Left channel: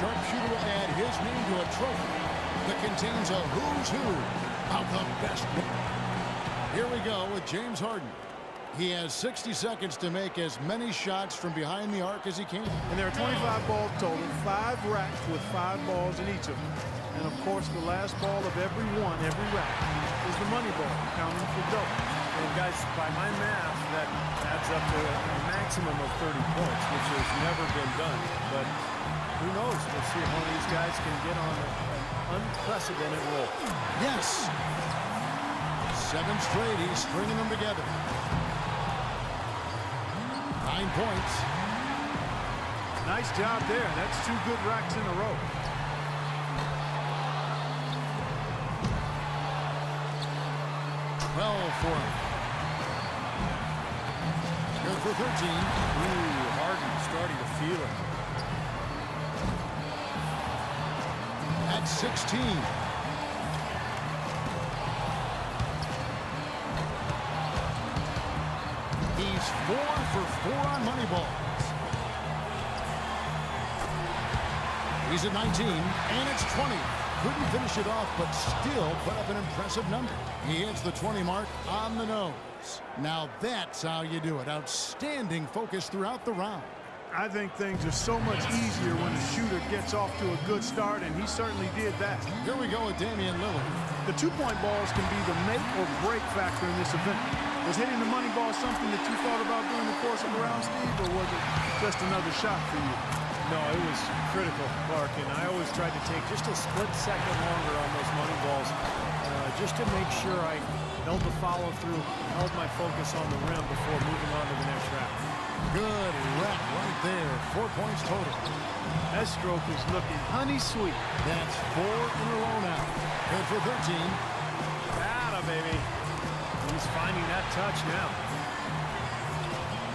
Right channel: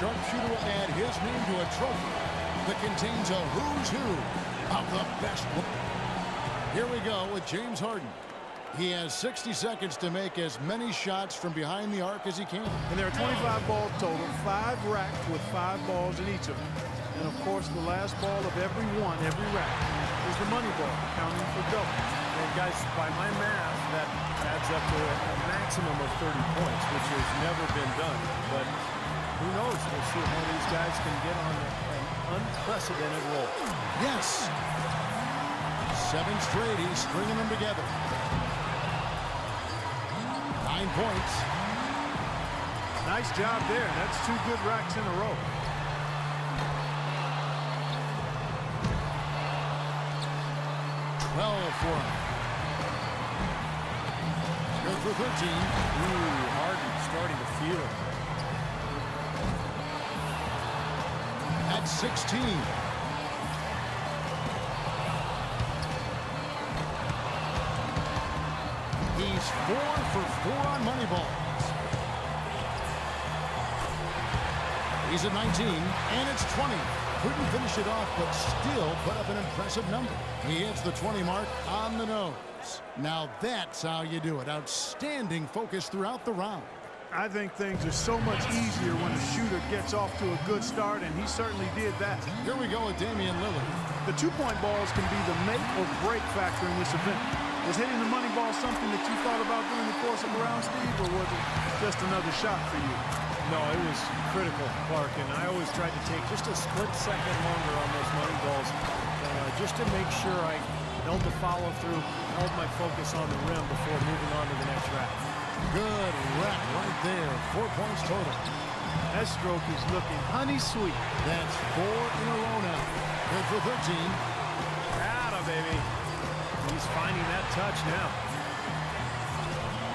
sharpshooter will add his name to a trophy that contains a who's who of the best. Here we go with James Harden. He has 60 seconds to make as many shots from behind the arc as he can. And there are 25 balls total, 5 racks with 5 balls in each of them. And of course, the last ball of every rack, is the money ball, counting for double. And guys, by my math, that adds up to a maximum of 30 points, which has never been done. But who knows? We'll see if one of these guys can get on an unprecedented roll. Yes. 7 straight, he's stringing them together. 9 points. Nice job there. That's 2 good racks in a row. For him. Good for 13. Ooh, Harden starting to feel it. That's 16. He's 4 for 4 on money balls. He's at 19, and it's 20. Couldn't finish it off, but still put up an impressive number. He hits the 20 mark on the nose. Now that's how you do it. Outstanding focus throughout the round. I think things are so much easier when a shooter gets off to a good start, and he certainly did that. Here we go with Damian Lillard. The 2-point balls can be the make or break factor in this event. Was hitting the money ball something that you thought about during the course of the round, Steve, or was it just another shot for you? No, it was critical, Clark, and I always tried to take just a split second longer on those money balls just to make sure I held the follow-through, held my focus on the rim before moving on to the next rack. Good rack right there. 4 points total. That stroke is looking honey sweet. That's 4 in a row now. Good for 13. Atta, baby. He's finding that touch now.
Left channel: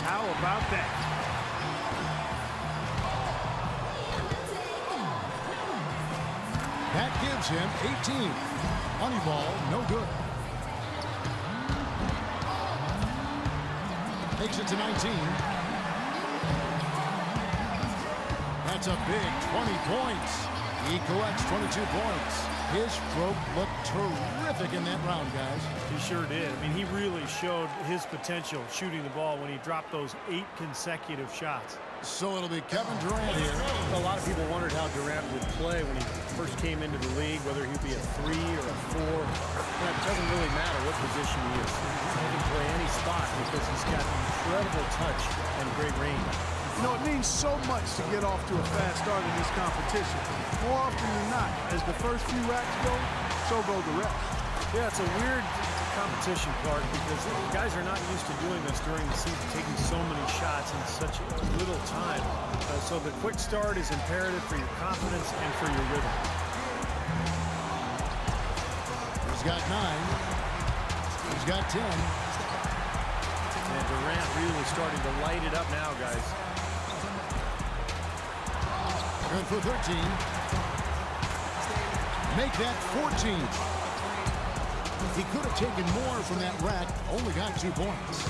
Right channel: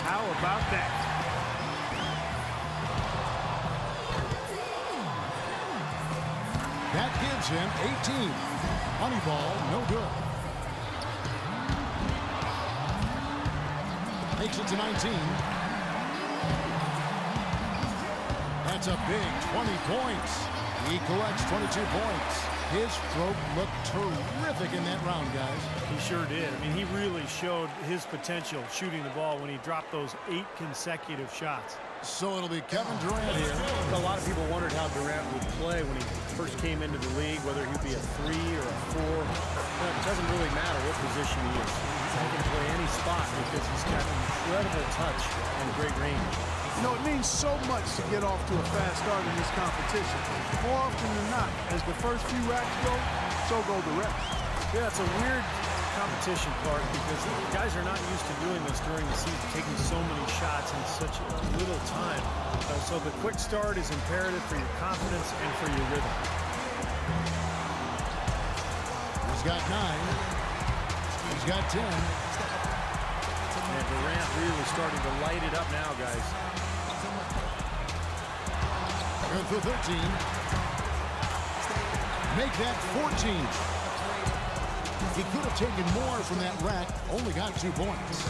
How about that? That gives him 18. Money ball, no good. Makes it to 19. That's a big 20 points. He collects 22 points. His stroke looked terrific in that round, guys. He sure did. I mean, he really showed his potential shooting the ball when he dropped those 8 consecutive shots. So it'll be Kevin Durant here. A lot of people wondered how Durant would play when he first came into the league, whether he'd be a 3 or a 4. It doesn't really matter what position he is. He can play any spot because he's got incredible touch and great range. You know, it means so much to get off to a fast start in this competition. More often than not, as the first few racks go, so go the rest. Yeah, it's a weird competition, Clark, because guys are not used to doing this during the season, taking so many shots in such little time. So the quick start is imperative for your confidence and for your rhythm. He's got 9. He's got 10. And Durant really starting to light it up now, guys. Good for 13. Make that 14. He could have taken more from that rack, only got 2 points.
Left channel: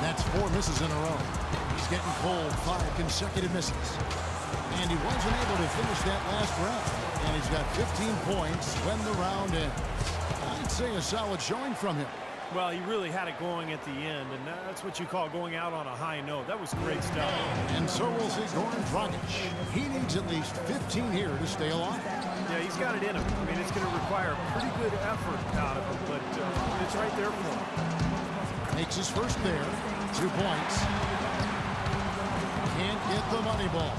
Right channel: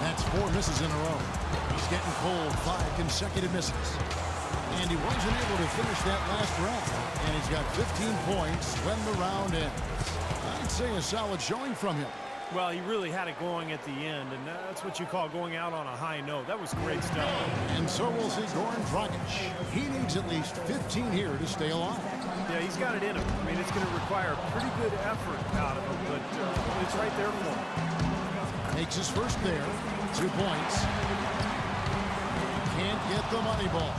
That's 4 misses in a row. He's getting cold, 5 consecutive misses. And he wasn't able to finish that last round. And he's got 15 points when the round ends. I'd say a solid showing from him. Well, he really had it going at the end, and that's what you call going out on a high note. That was great stuff. And so we'll see Goran Dragic. He needs at least 15 here to stay alive. Yeah, he's got it in him. I mean, it's going to require pretty good effort out of him, but it's right there for him. Makes his first there. 2 points. Can't get the money ball.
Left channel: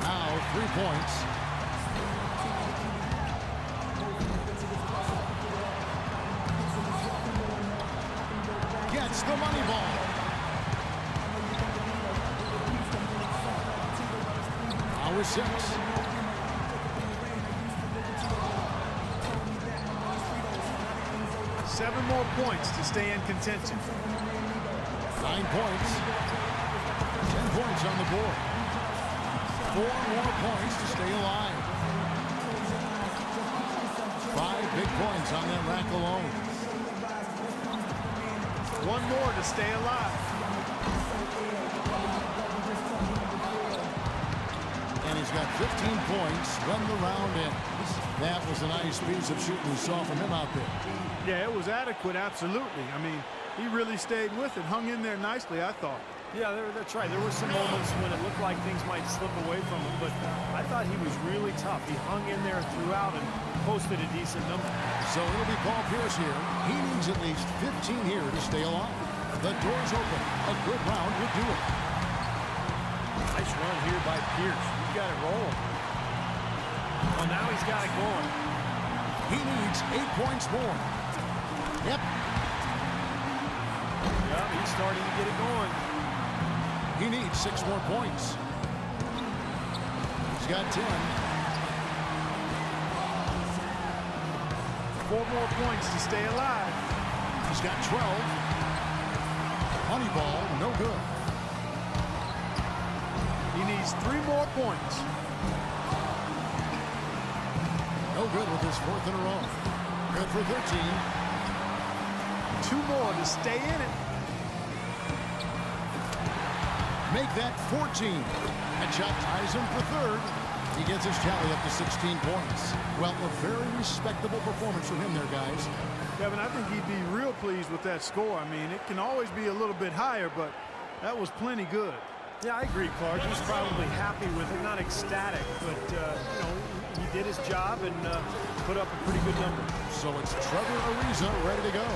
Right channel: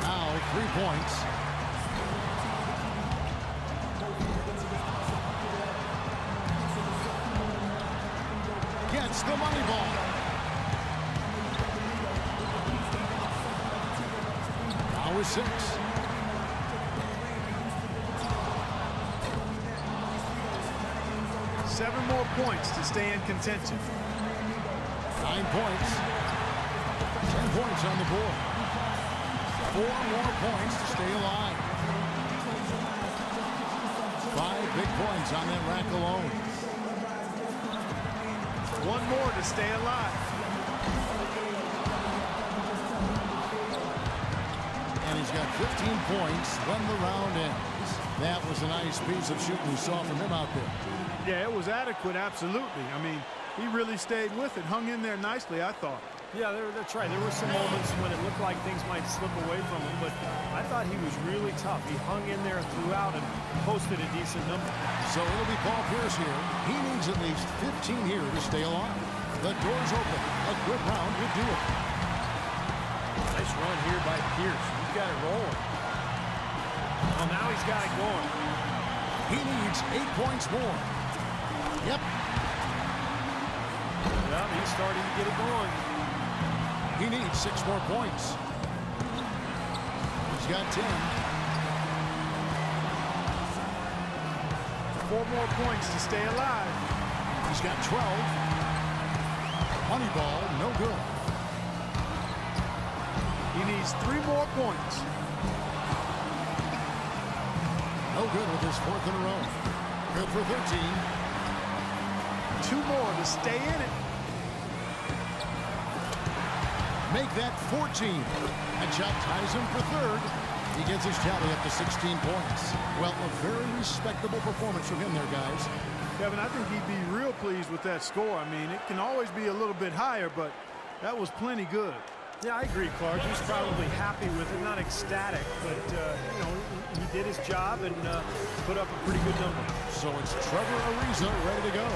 Now 3 points. Gets the money ball. Now is 6. Seven more points to stay in contention. 9 points. 10 points on the board. 4 more points to stay alive. 5 big points on that rack alone. 1 more to stay alive. And he's got 15 points when the round ends. That was a nice piece of shooting we saw from him out there. Yeah, it was adequate, absolutely. I mean, he really stayed with it, hung in there nicely, I thought. Yeah, that's right. There were some moments when it looked like things might slip away from him, but I thought he was really tough. He hung in there throughout and posted a decent number. So it'll be Paul Pierce here. He needs at least 15 here to stay alive. The door's open. A good round would do it. Nice run here by Pierce. He's got it rolling. Well, now he's got it going. He needs 8 points more. Yep. Yeah, he's starting to get it going. He needs 6 more points. He's got 10. 4 more points to stay alive. He's got 12. Money ball, no good. He needs 3 more points. No good with his 4th in a row. Good for 13. 2 more to stay in it. Make that 14. That shot ties him for 3rd. He gets his tally up to 16 points. Well, a very respectable performance from him there, guys. Kevin, I think he'd be real pleased with that score. I mean, it can always be a little bit higher, but that was plenty good. Yeah, I agree, Clark. He's probably happy with it, not ecstatic, but, you know, he did his job and put up a pretty good number. So it's Trevor Ariza ready to go.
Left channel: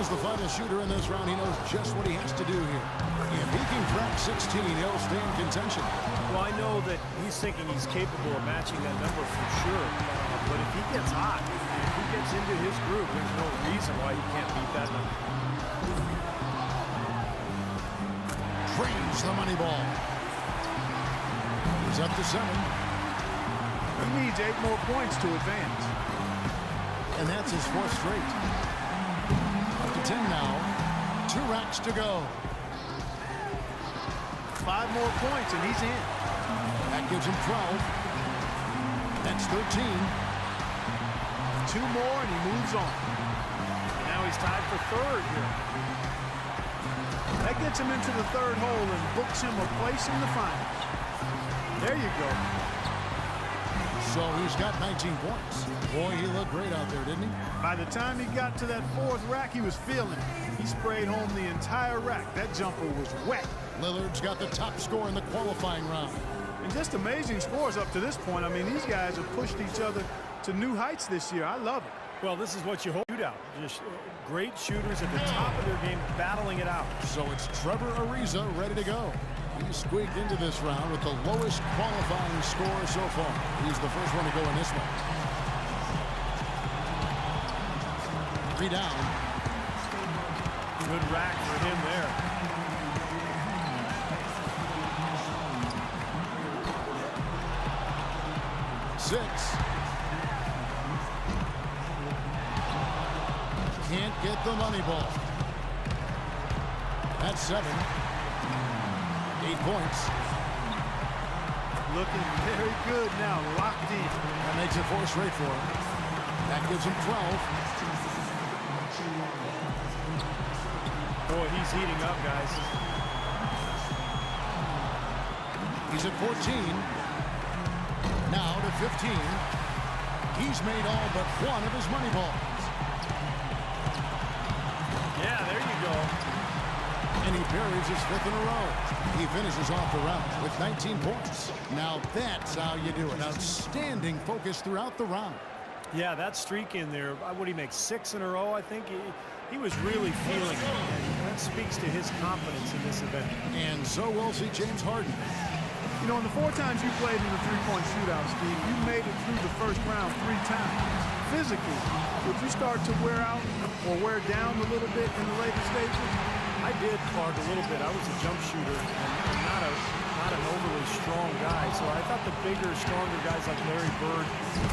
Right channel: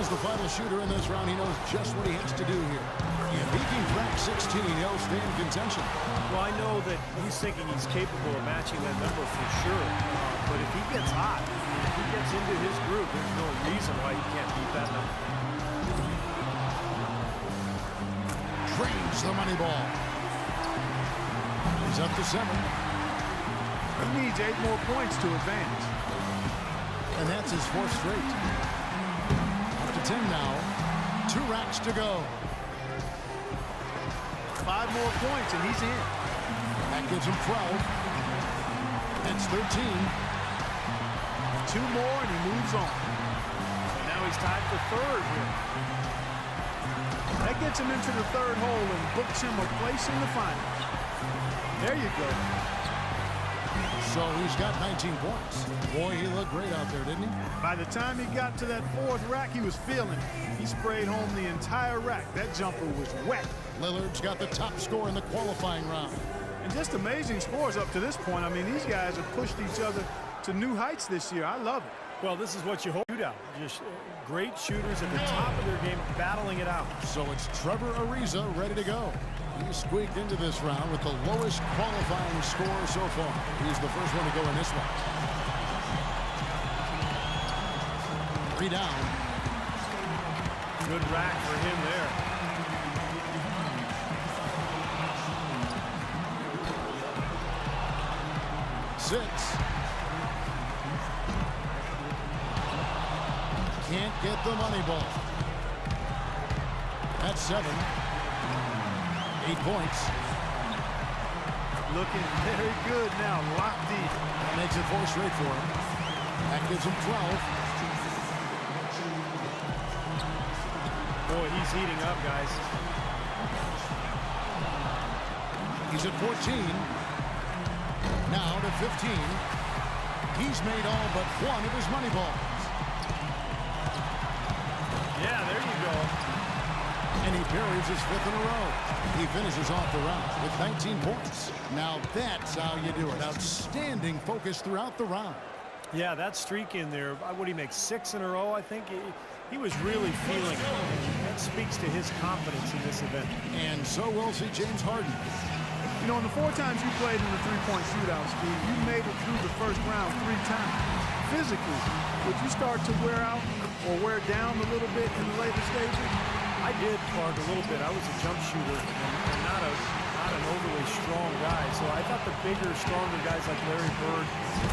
As the final shooter in this round, he knows just what he has to do here. If he can crack 16, he'll stay in contention. Well, I know that he's thinking he's capable of matching that number for sure, but if he gets hot, if he gets into his groove, there's no reason why he can't beat that number. Drains the money ball. He's up to 7. He needs 8 more points to advance. And that's his 4th straight. Up to 10 now. 2 racks to go. 5 more points and he's in. That gives him 12. That's 13. 2 more and he moves on. And now he's tied for 3rd here. That gets him into the 3rd hole and books him a place in the finals. There you go. So he's got 19 points. Boy, he looked great out there, didn't he? By the time he got to that 4th rack, he was feeling it. He sprayed home the entire rack. That jumper was wet. Lillard's got the top score in the qualifying round. And just amazing scores up to this point. I mean, these guys have pushed each other to new heights this year. I love it. Well, this is what you hope. Shootout. Just great shooters at the top of their game, battling it out. So it's Trevor Ariza ready to go. He squeaked into this round with the lowest qualifying score so far. He's the first one to go in this one. 3 down. Good rack for him there. Six. Can't get the money ball. That's 7. 8 points. Looking very good now, locked in. That makes it 4 straight for him. That gives him 12. Boy, he's heating up, guys. He's at 14. Now to 15. He's made all but 1 of his money balls. Yeah, there you go. And he buries his 5th in a row. He finishes off the round with 19 points. Now that's how you do it. Outstanding focus throughout the round. Yeah, that streak in there, what did he make, 6 in a row, I think? He was really feeling it, and that speaks to his confidence in this event. And so we'll see James Harden. You know, in the 4 times you played in the 3-point shootout, Steve, you made it through the first round 3 times. Physically, would you start to wear out or wear down a little bit in the later stages? I did, Clark, a little bit. I was a jump shooter and not an overly strong guy. So I thought the bigger, stronger guys like Larry Bird,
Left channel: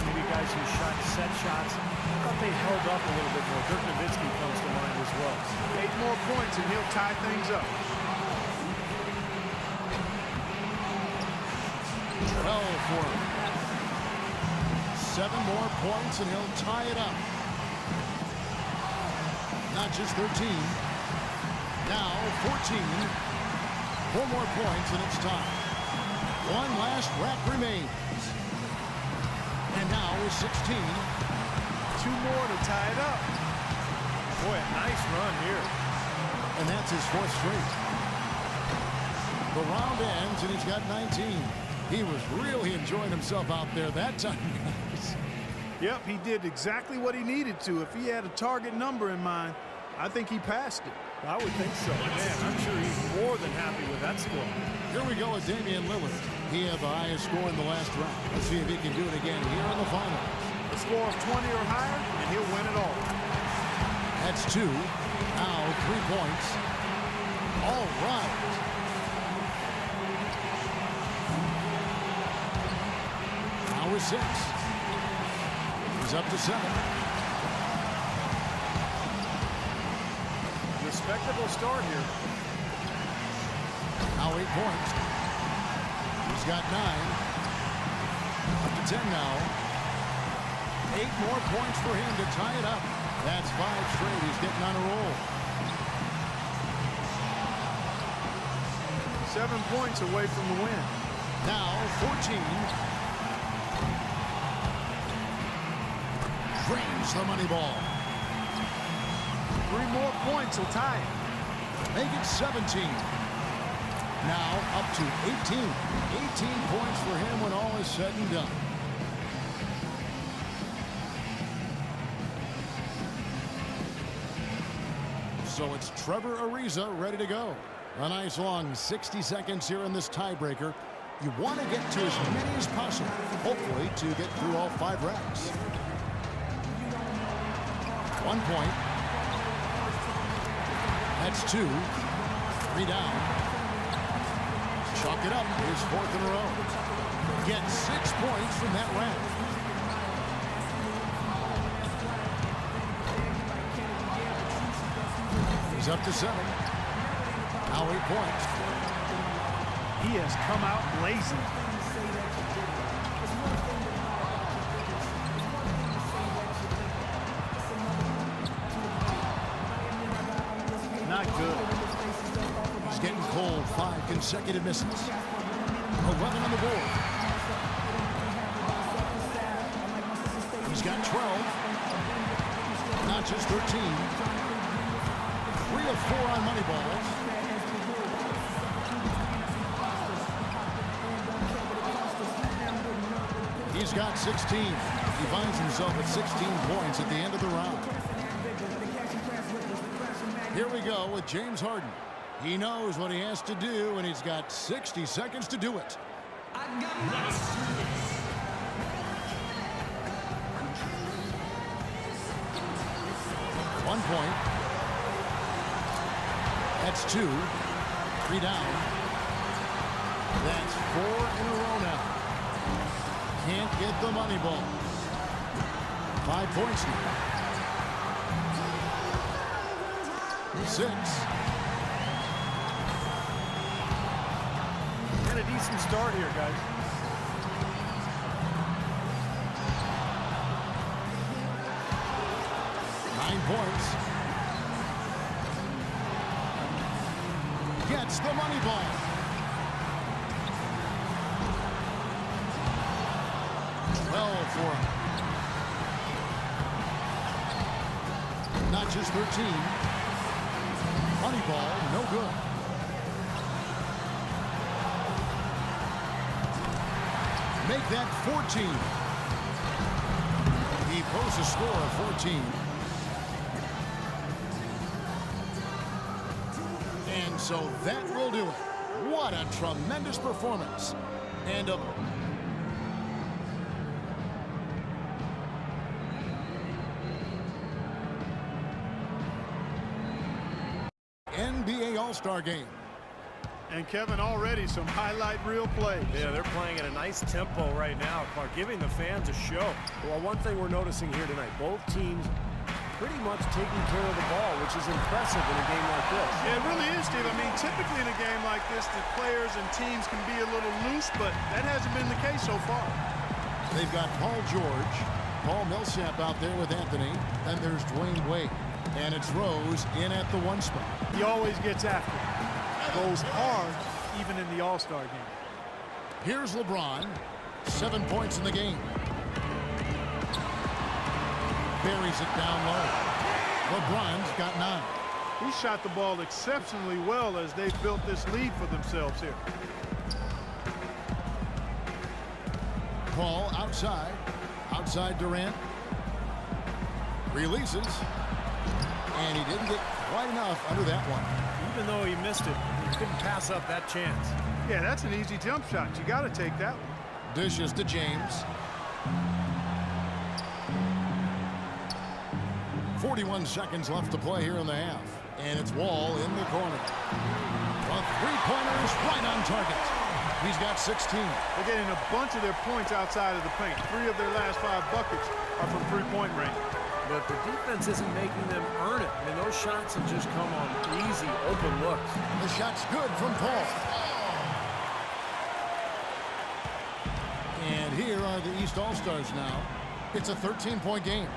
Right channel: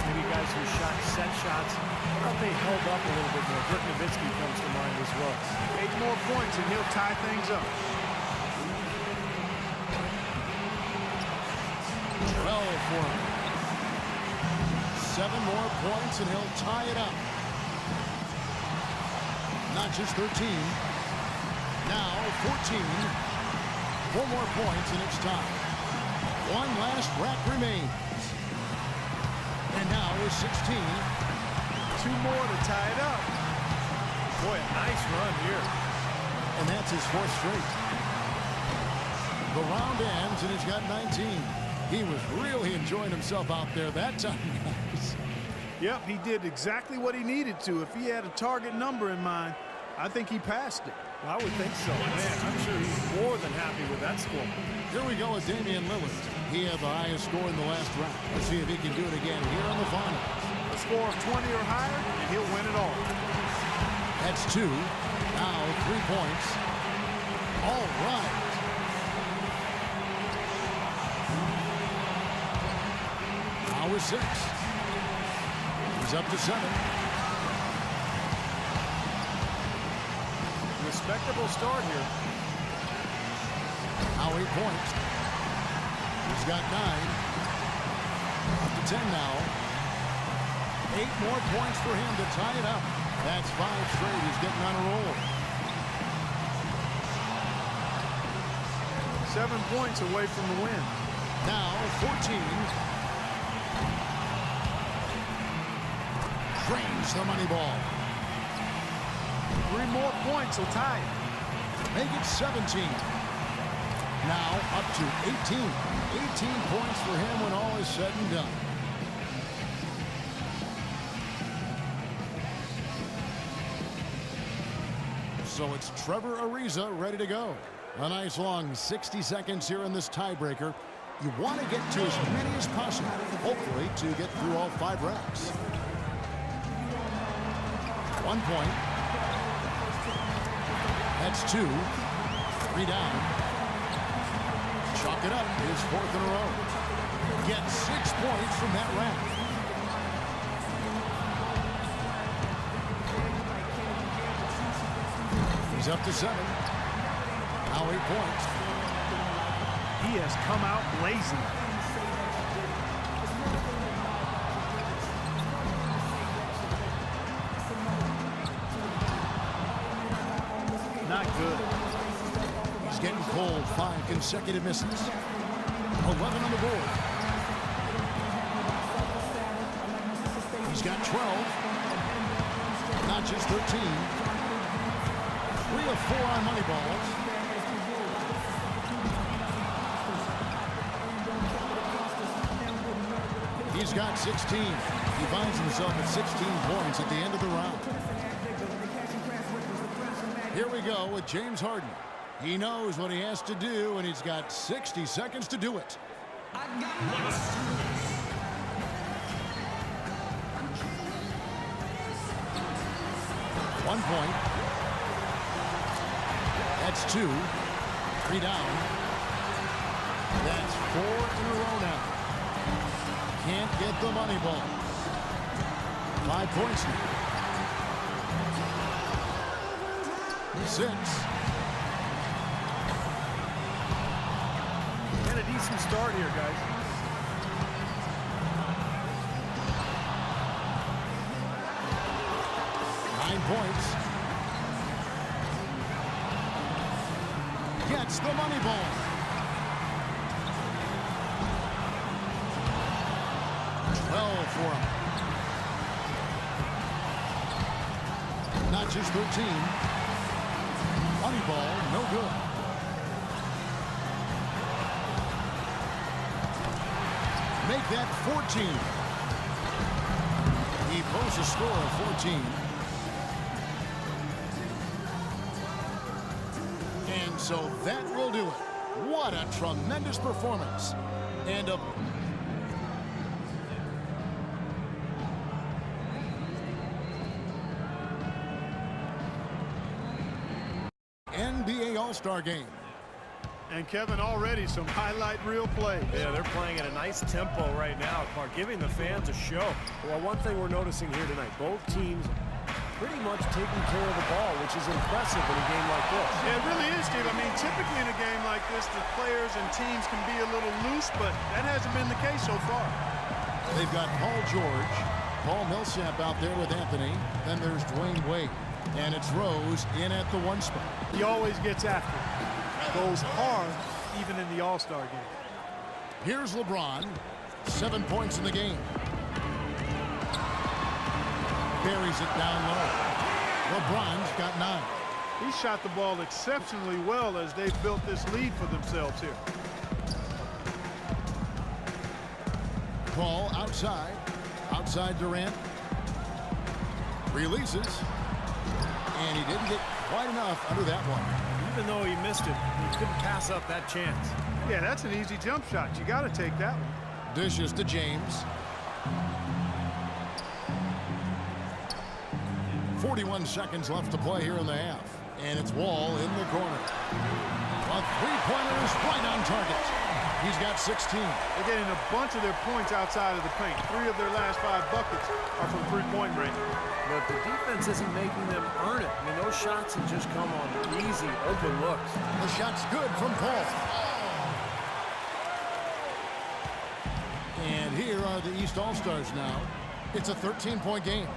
maybe guys who shot set shots, I thought they held up a little bit more. Dirk Nowitzki comes to mind as well. 8 more points and he'll tie things up. 12 for him. 7 more points and he'll tie it up. Not just 13. Now 14. 4 more points and it's time. One last rack remains. And now with 16. 2 more to tie it up. Boy, a nice run here. And that's his 4th straight. The round ends, and he's got 19. He was really enjoying himself out there that time, guys. Yep, he did exactly what he needed to. If he had a target number in mind, I think he passed it. I would think so. Man, I'm sure he's more than happy with that score. Here we go with Damian Lillard. He had the highest score in the last round. Let's see if he can do it again here in the finals. A score of 20 or higher, and he'll win it all. That's 2. Now 3 points. All right. Now with 6. He's up to 7. Respectable start here. Now 8 points. He's got 9. Up to 10 now. 8 more points for him to tie it up. That's 5 straight. He's getting on a roll. 7 points away from the win. Now 14. Drains the money ball. 3 more points will tie it. Make it 17. Now up to 18. 18 points for him when all is said and done. So it's Trevor Ariza ready to go. A nice long 60 seconds here in this tiebreaker. You want to get to as many as possible, hopefully to get through all 5 racks. 1 point. That's 2. 3 down. Chalk it up. His 4th in a row. Get 6 points from that rack. He's up to 7. Now 8 points. He has come out blazing. Not good. He's getting cold. 5 consecutive misses. 11 on the board. He's got 12. Not just 13. 3 of 4 on money balls. He's got 16. He finds himself at 16 points at the end of the round. Here we go with James Harden. He knows what he has to do, and he's got 60 seconds to do it. 1 point. That's 2. 3 down. That's 4 in a row now. Can't get the money ball. 5 points now. 6. And a decent start here, guys. Nine points. Gets the money ball. For him. Not just 13. Money ball, no good. Make that 14. He posts a score of 14. And so that will do it. What a tremendous performance. And a NBA All-Star game. And Kevin, already some highlight reel plays. Yeah, they're playing at a nice tempo right now, Clark, giving the fans a show. Well, one thing we're noticing here tonight, both teams pretty much taking care of the ball, which is impressive in a game like this. Yeah, it really is, Steve. I mean, typically in a game like this, the players and teams can be a little loose, but that hasn't been the case so far. They've got Paul George, Paul Millsap out there with Anthony. Then there's Dwayne Wade. And it's Rose in at the 1 spot. He always gets after it. Goes hard even in the All-Star game. Here's LeBron. 7 points in the game. Buries it down low. LeBron's got 9. He shot the ball exceptionally well as they've built this lead for themselves here. Paul outside. Outside Durant. Releases. And he didn't get quite enough under that one. Even though he missed it, he couldn't pass up that chance. Yeah, that's an easy jump shot. You got to take that one. Dishes to James. 41 seconds left to play here in the half. And it's Wall in the corner. A three-pointer is right on target. He's got 16. They're getting a bunch of their points outside of the paint. 3 of their last 5 buckets are from three-point range. But the defense isn't making them earn it. I mean, those shots have just come on easy, open looks. The shot's good from Paul. And here are the East All-Stars now. It's a 13-point game.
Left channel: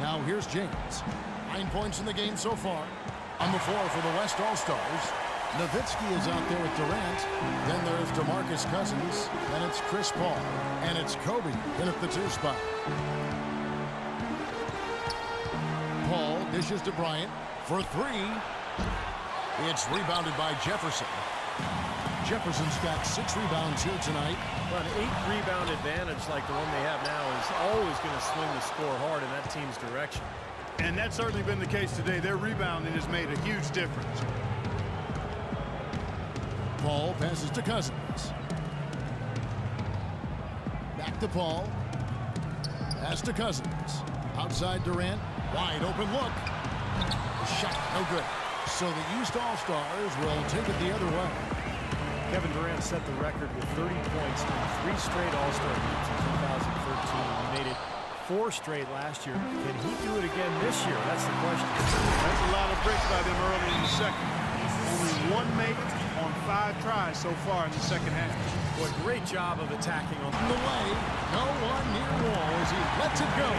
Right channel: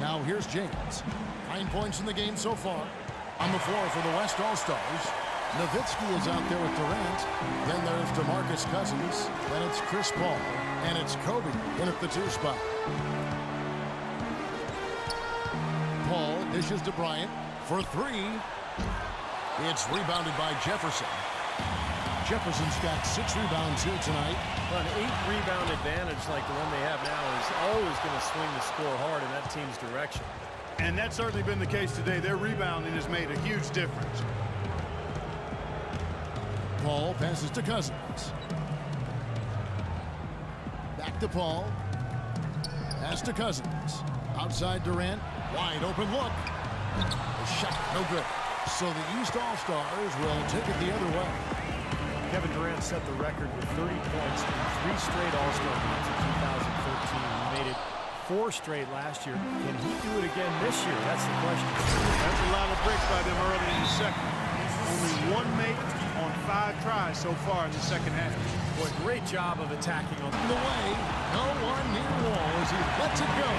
Now here's James. 9 points in the game so far. On the floor for the West All-Stars. Nowitzki is out there with Durant. Then there's DeMarcus Cousins. Then it's Chris Paul. And it's Kobe in at the 2 spot. Paul dishes to Bryant for 3. It's rebounded by Jefferson. Jefferson's got 6 rebounds here tonight. Well, an 8-rebound advantage like the one they have now is always going to swing the score hard in that team's direction. And that's certainly been the case today. Their rebounding has made a huge difference. Paul passes to Cousins. Back to Paul. Pass to Cousins. Outside Durant. Wide open look. The shot no good. So the East All-Stars will take it the other way. Kevin Durant set the record with 30 points in 3 straight All-Star games in 2013. He made it 4 straight last year. Can he do it again this year? That's the question. That's a lot of bricks by them early in the second. Only 1 make on 5 tries so far in the second half. Boy, great job of attacking on the way. No one near Wall as he lets it go.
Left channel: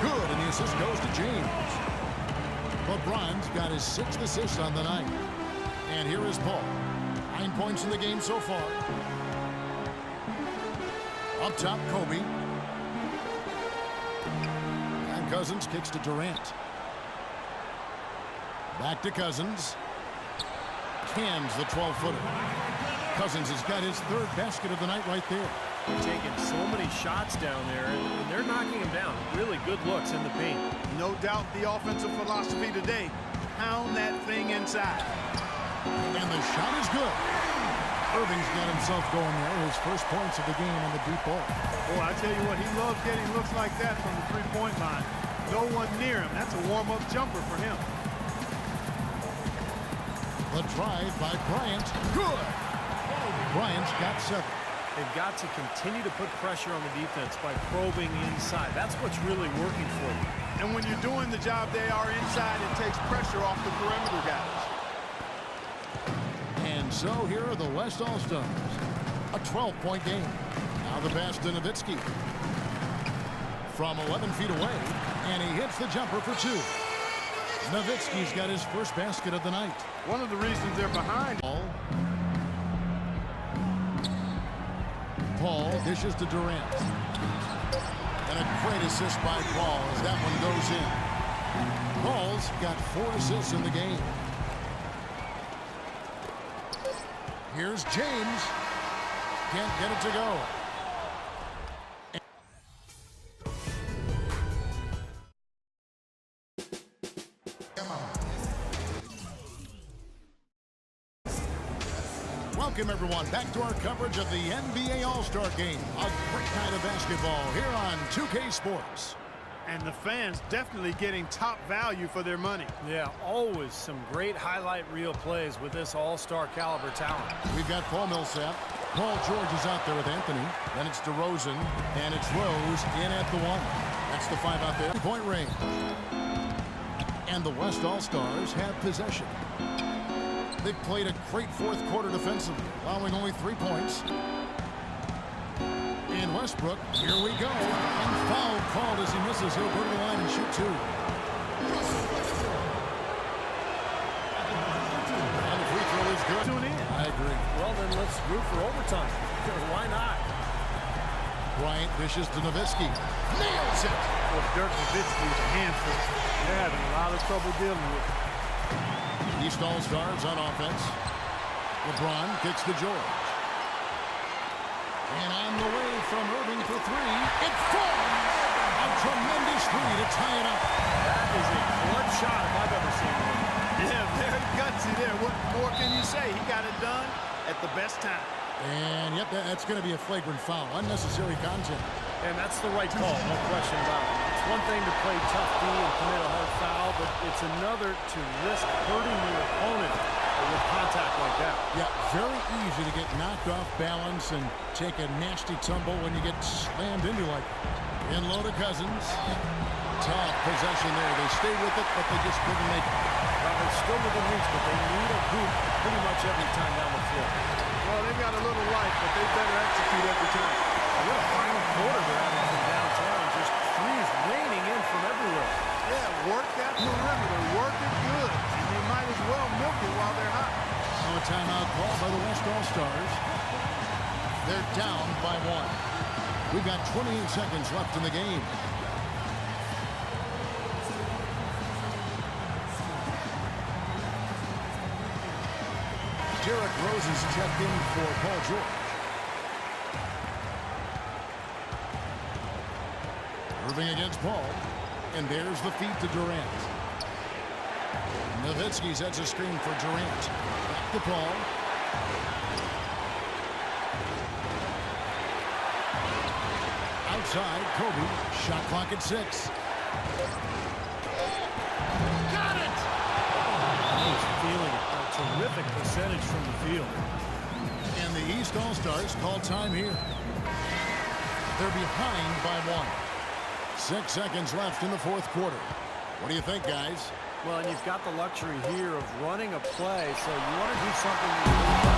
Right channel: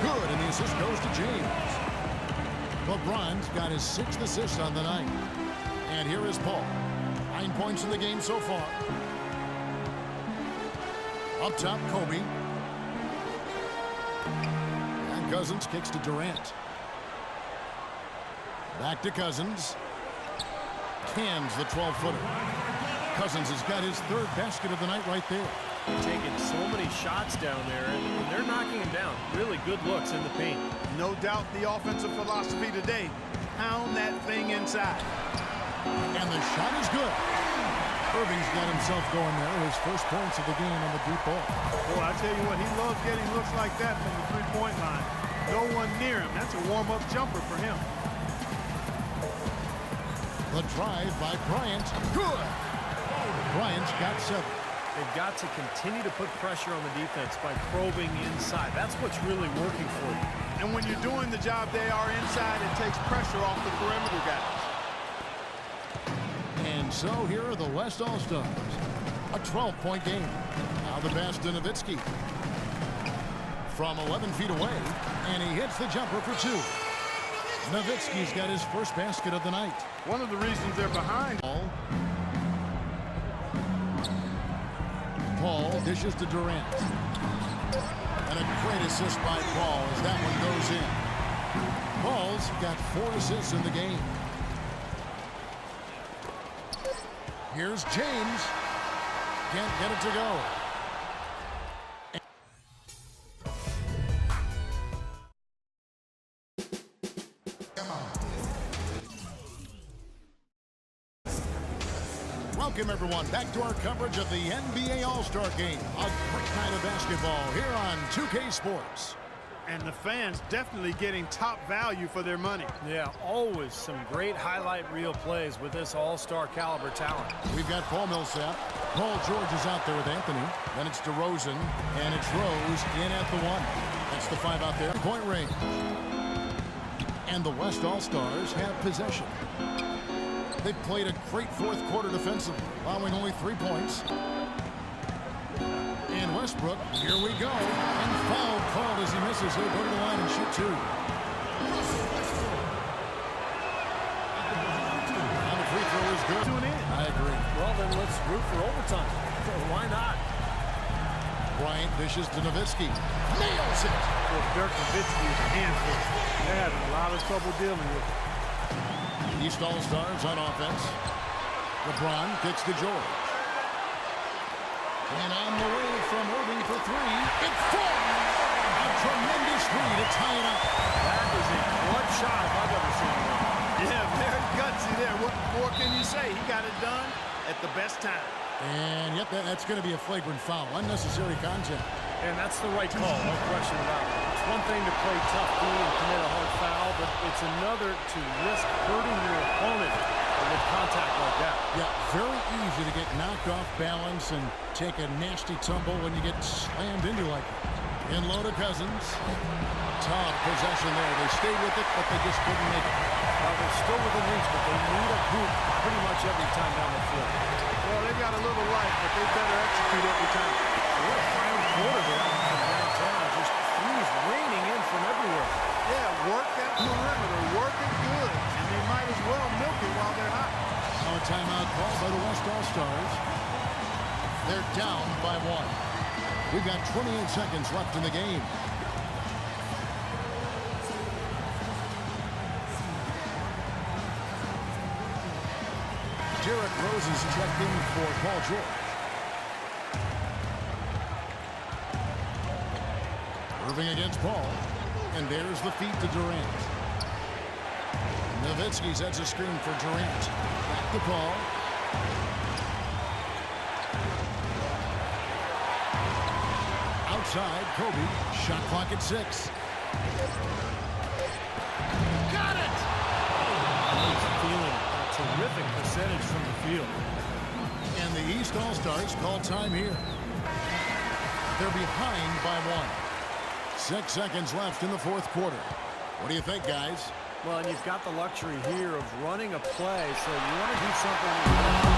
Good, and the assist goes to James. LeBron's got his 6th assist on the night. And here is Paul. 9 points in the game so far. Up top, Kobe. And Cousins kicks to Durant. Back to Cousins. Cans the 12-footer. Cousins has got his 3rd basket of the night right there. Taking so many shots down there, and they're knocking him down. Really good looks in the paint. No doubt the offensive philosophy today, pound that thing inside. And the shot is good. Irving's got himself going there. His first points of the game on the deep ball. Boy, I tell you what, he loves getting looks like that from the three-point line. No one near him. That's a warm-up jumper for him. The drive by Bryant. Good. Bryant's got 7. They've got to continue to put pressure on the defense by probing inside. That's what's really working for you. And when you're doing the job they are inside, it takes pressure off the perimeter guys. And so here are the West All-Stars. A 12-point game. Now the pass to Nowitzki. From 11 feet away, and he hits the jumper for 2. Nowitzki's got his first basket of the night. One of the reasons they're behind. Paul dishes to Durant. And a great assist by Paul as that one goes in. Paul's got 4 assists in the game. Here's James. Can't get it to go. Welcome, everyone, back to our coverage of the NBA All-Star Game. A great night of basketball here on 2K Sports. And the fans definitely getting top value for their money. Yeah, always some great highlight reel plays with this all-star caliber talent. We've got Paul Millsap. Paul George is out there with Anthony. Then it's DeRozan, and it's Rose in at the 1. That's the 5 out there. Point range. And the West All-Stars have possession. They've played a great 4th quarter defensively, allowing only 3 points. And Westbrook, here we go. And foul called as he misses. He'll go to the line and shoot 2. And the free throw is good. Tune in. I agree. Well, then let's root for overtime. Why not? Bryant dishes to Nowitzki. Nails it. Well, Dirk Nowitzki is a handful. They're having a lot of trouble dealing with it. East All-Stars on offense. LeBron kicks to George. And on the way from Irving for three. It falls. A tremendous three to tie it up. That is a clutch shot if I've ever seen one. Yeah, very gutsy there. What more can you say? He got it done at the best time. And yep, that's going to be a flagrant foul. Unnecessary contact. And that's the right call, no question about it. It's one thing to play tough D and commit a hard foul, but it's another to risk hurting your opponent with contact like that. Yeah, very easy to get knocked off balance and take a nasty tumble when you get slammed into like that. In low to Cousins. Tough possession there. They stayed with it, but they just couldn't make it. Well, they're still within reach, but they need a hoop pretty much every time down the floor. Well, they've got a little life, but they better execute every time. What a final quarter they're having from downtown. Just threes raining in from everywhere. Yeah, work that perimeter. Work it good. And they might as well milk it while they're hot. Now a timeout called by the West All-Stars. They're down by one. We've got 28 seconds left in the game. Derrick Rose is checked in for Paul George. Irving against Paul. And there's the feed to Durant. Nowitzki sets a screen for Durant. Back to Paul. Outside, Kobe. Shot clock at 6. Got it! He's feeling a terrific percentage from the field. And the East All-Stars call time here. They're behind by one. 6 seconds left in the fourth quarter. What do you think, guys? Well, and you've got the luxury here of running a play, so you want to do something